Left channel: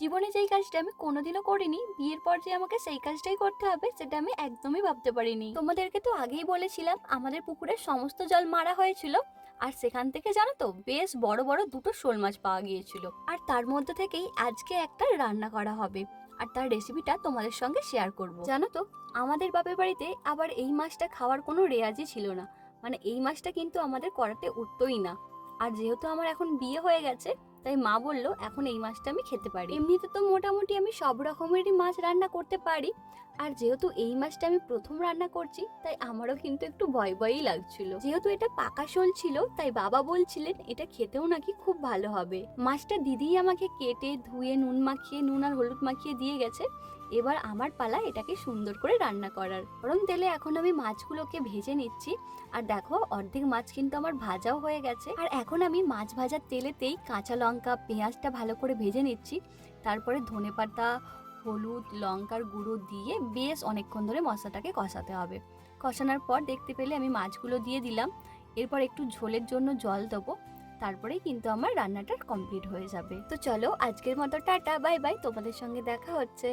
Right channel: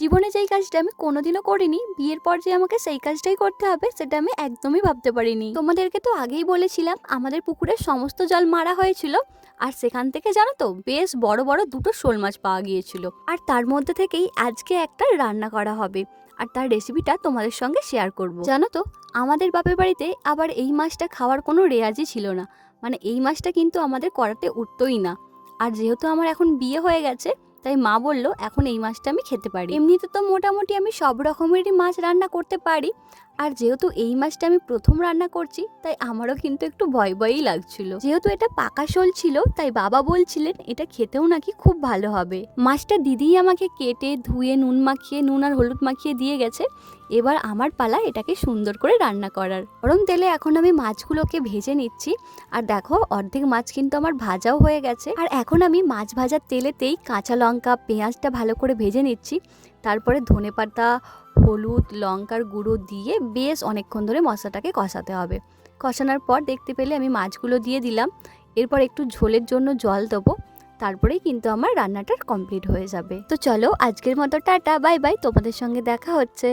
জীবনে যেই কাজটা আমি কোনোদিনও করিনি, বিয়ের পর যে আমাকে সেই কাজটাই করতে হবে সেটা আমি একদমই ভাবতে পারিনি। তোমাদেরকে তো আগেই বলেছিলাম আমাদের পুকুরের সমস্ত জল মারা হয়েছিল, আর সেখান থেকে জানো তো বেশ বড় বড় দুটো শোল মাছ পাওয়া গিয়েছিল। আর তার মধ্যে থেকেই আজকে একটা রান্না করা হবে, আর তার রেসিপিটা তোমাদের সঙ্গে শেয়ার করব। জানো তো আমাদের বাপের বাড়িতে আবার এই মাছটা খাওয়ার কোনো রেওয়াজই ছিল না, মানে এই মাছটা কিন্তু আমাদের করাতে উঠতোই না। আর যেহেতু আমার এখন বিয়ে হয়ে গেছে, তাই মা বলল এখন এই মাছটা আমি খেতে পারি। এমনিতে তো মোটামুটি আমি সব রকমেরই মাছ রান্না করতে পারি, আর যেহেতু এই মাছটা আমি প্রথম রান্না করছি তাই আমারও কিন্তু একটু ভয় ভয়ই লাগছিল। যেহেতু এটা পাকা শোল ছিল তাই বাবা বলছিলেন এটা খেতেও নাকি খুব ভালো হবে। মাছটা দিদিই আমাকে কেটে ধুয়ে নুন আর হলুদ মাখিয়ে দিয়ে গেছে। এবার আমার পালা এটাকে সুন্দর করে রান্না করার। গরম তেলে এখন আমি মাছগুলোকে ভেজে নিচ্ছি। আর দেখো অর্ধেক মাছ কিন্তু আমার ভাজাও হয়ে গেছে। আর এখন আমি মাছ ভাজার তেলেতেই কাঁচা লঙ্কা পেঁয়াজটা ভালো করে ভেজে নিচ্ছি। তারপরে ধনেপাতা, হলুদ, লঙ্কার গুঁড়ো দিয়ে বেশ অনেকক্ষণ ধরে মশলাটাকে কষাতে হবে। কষানোর পর দেখতে পেলে আমি মাছগুলো দিয়ে দিলাম। এরপর একটু ঝোলের জন্য জল দেবো। তারপরেই কিন্তু আমার রান্নাটা কমপ্লিট হয়ে যাবে। তো চলো আজকের মতো টাটা, বাই বাই। তোমাদের সঙ্গে দেখা হচ্ছে।